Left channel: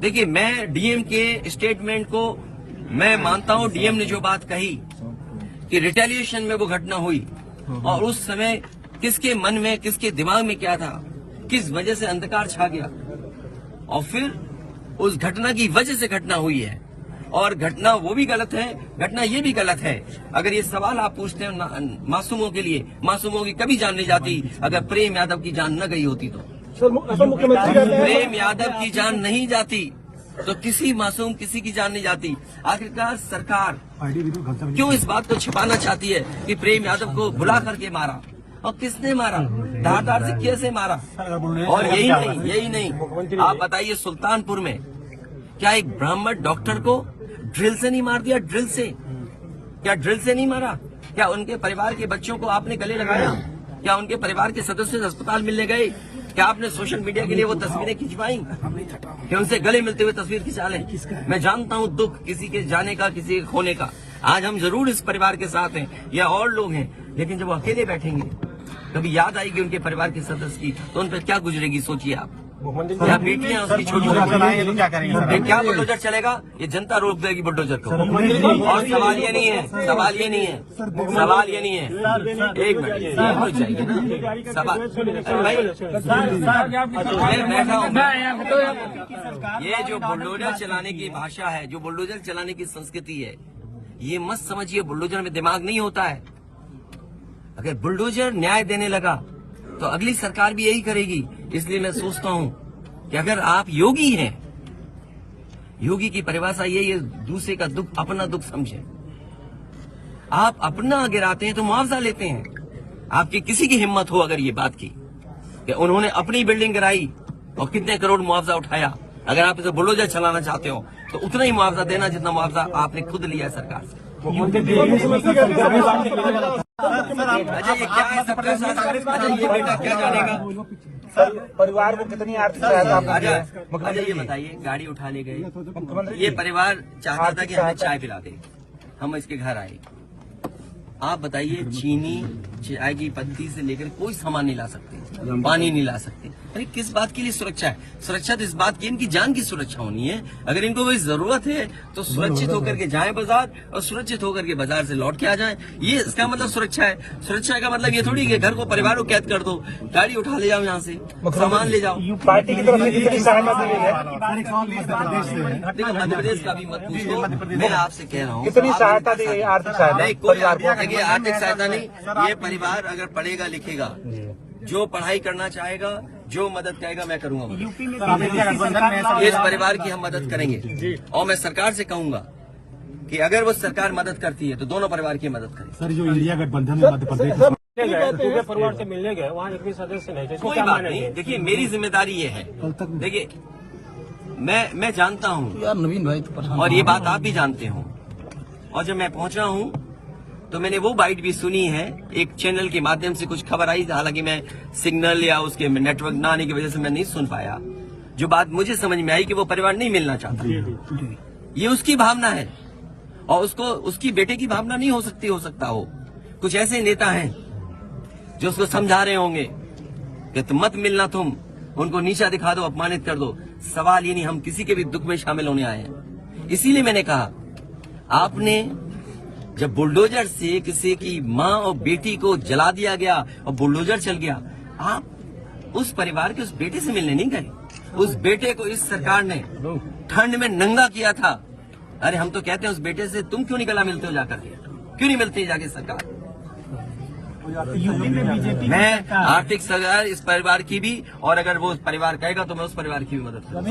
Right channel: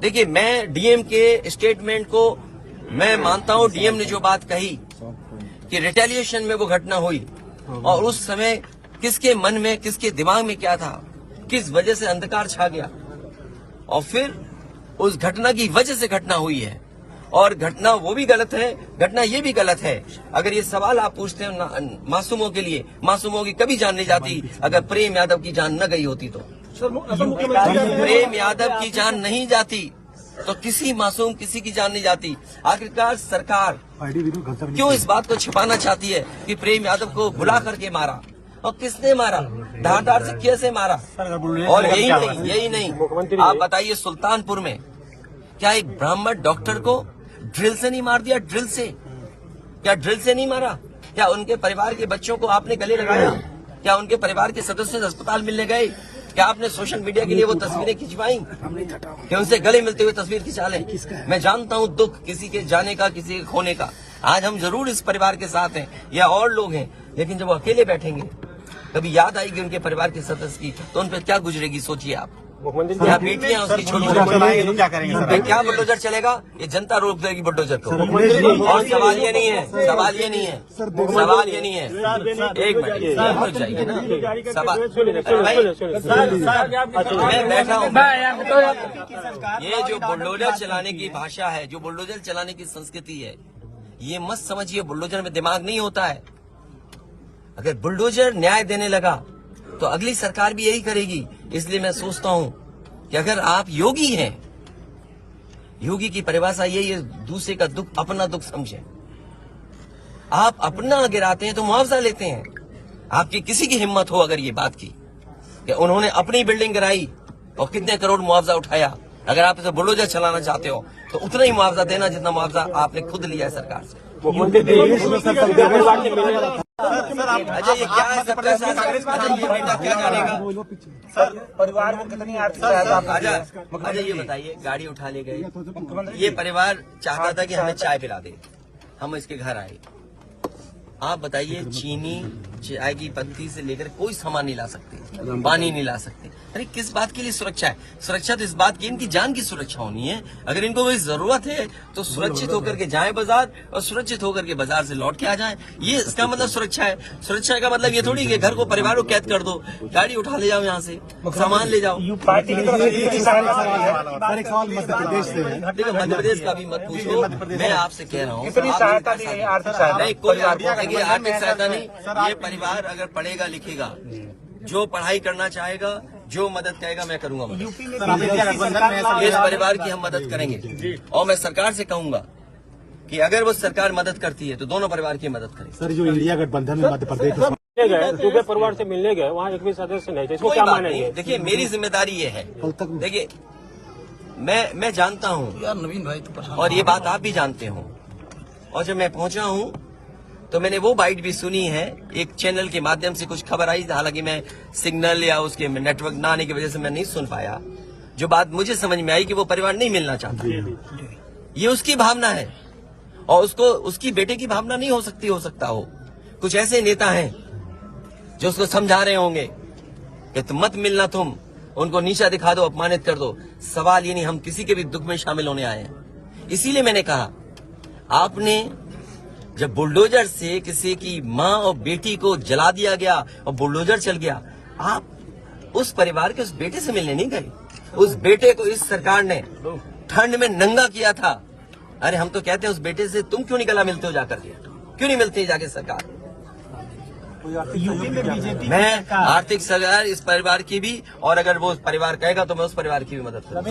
देखिए, मैं डीएम के स्टेटमेंट को मैं मानता हूं। डीएम ने जो बात कही कि रिटेलिएशन में वो घटना हुई और उस समय किसके मन में, किसके दिमाग में क्या था, किस वजह से अंधकार छा गया और फिर उस घटना की वजह से घटना हुई है। और घटना वो भी गलत है, घटना ये भी गलत है। अगर ये सवाल आप पूछते हैं मासूमों के लिए, मासूमों की कभी जान नहीं जाती अगर प्रेम यादव की जान न गई होती तो। प्रेम यादव की जान नहीं जाती तो किसी मासूम किसी की जान नहीं जाती। आखिरकार सरकार क्यों इस बात को छिपाना चाहती है कि प्रेम यादव को भुला करके मारा और किसने मारा, धारदार से कैसे मारा। और यही नहीं, आप बताइए सुल्तानपुर में क्या एक ब्राह्मण डॉक्टर को ड्रिल से नहीं मार दिया? ड्रिल से, क्या ड्रिल से नहीं मारा? क्या उनके परिवार के बच्चों को आपने गले लगाए? क्या उनके परिवार के सदस्य अस्पताल मिलने गए? क्या आपने सोशल मीडिया के लिए वो तस्वीरें खिंचवाई कि उनसे गले मिलते हुए तस्वीर खिंचा लें? मैं जानता हूं दुख किसी के जाने का, किसी के खोने का। आज हम जरूर इस परिवार के साथ हैं या और लोग हैं, लेकिन जब वो अकेले बैठेंगे कभी याद आएगी उनके परिवार के सदस्य की तो उन पर क्या गुजरेगी, सोचिए आप। क्या बेटियां उसकी छोटी क्या बुलडोजर चलेगा? ये जनता रोक देगी बुलडोजर को। और सवाल ये नहीं है, सवाल ये नहीं है, सवाल ये नहीं है। एक मिनट हो जाएगी ना सवाल। मैं बैठा हूँ। ये जो बुलडोजर चलाने की भाषा है, जो बुलडोजर चलाने की संस्कृति है, ये मत समझिए बुलडोजर में दिमाग नहीं होता है। अगर बुलडोजर न्याय देने लगा तो अगली सरकार भी यही करेगी। इसलिए मैं सोचता हूं कि अगर आप योगी हैं, योगी की परिभाषा यही है, दूसरे का दुख अपना दुख समझे। आप अपना गिराते हैं तो मुआवजा लेते हैं। आपकी किसी की हिम्मत हो अगर ये बात की कि उन्होंने अपनी बिल्डिंग गिराई और कितने करोड़ मुआवजा उठाया, अगर आप इसे बुलडोजर चलाना चाहते हो तो उतना ही मुआवजा देना जितना मुआवजा आपने खुद लिया है सरकार से। अच्छा, ये क्या है सबका साथ? अच्छा, ये बेटा क्या जानेगा? अच्छा, ये बताइए, गाड़ी उठा ले गए, ये परिवार चाहता था कि हमें चाय पिला दे, हम इसके घर आए। आप बताइए, चीनी, चाय की पत्ती से लेकर कोई सामान नहीं ला सकते, पानी नहीं ला सकते। अरे किस बात के लिए सुरक्षा है? सुरक्षा तो इस बात की इनकी जान की सुरक्षा होनी है। अगर इनको कोई जरूरत है तो सुरक्षित होकर के जाएं बाजार और सुरक्षित होकर के बाजार से लौट के आ जाएं। ये इसका मतलब सुरक्षा है। सुरक्षा का मतलब ये थोड़ी कि घर को, परिवार को कैद कर दो, गाड़ी उठा ले जाओ, यहाँ से सामान ले जाओ। देखो, मध्य प्रदेश का भी मत पूछो, मैं आपसे कह रहा हूँ नहीं, कोई आर्थिक सहायता नहीं। ये परिवार अगर पढ़ेगा लिखेगा, जो पढ़ाई करना चाहेगा, जो मदद कहेगा मैं करूंगा। इस परिवार की हम मदद करेंगे और मैं सरकार से कहूंगा कि अगर वो सरकार मदद करती है तो दोनों परिवार की मदद करें। सर, जो इंडिया गठबंधन में मध्य प्रदेश पूरे परिवार से मिलने गए, वहाँ एक भी सदस्य नहीं थे, क्या मानेंगे? देखिए, मेरी जिम्मेदारी ये है, देखिए मैं जानता हूँ यार नवीन भाई तो, और ये बात आप भी जानते हो। और जब मैं पहुंचा हूँ तो मैंने वो बाइट भी सुनी है, एक चैनल के माध्यम से कुछ खबर आई, हालांकि मैं सिग्नल या उसके नेटवर्क ना आने की वजह से मैं नहीं सुन पाया। जो बात मुझे समझ में आई कि वो परिवार नहीं मिलना चाहता, ये उसकी भावना है और उसको, उसकी बेटे की भावना नहीं हो सकती, हो सकता हो। कुछ ऐसे नेता हैं जो उसको समझा रहे होंगे कि तुम मत मिलना, तुम उनको नीचा दिखा दो, अपमानित कर दो। सवाल ये नहीं, हम किसी के भी दुख में शामिल होने आए हैं। इसीलिए मैंने कहा, आपने जब बुलडोजर से किसी की माँ और बेटी को जला दिया गया और बुलडोजर चल गया, आप उस परिवार के उस बेटे से मिलने नहीं गए। उस बेटे को इस सरकार ने ठंड में नंगा किया था। अरे हम तो कहते हैं उस बेटे से तुम क्यों नहीं गला मिलते हो जाकर, क्यों नहीं मिलते जाके सरकार? मैं आर्थिक सहायता इस परिवार की भी, और अगर वो परिवार कहेगा तो मैं उस परिवार की भी मदद करूंगा।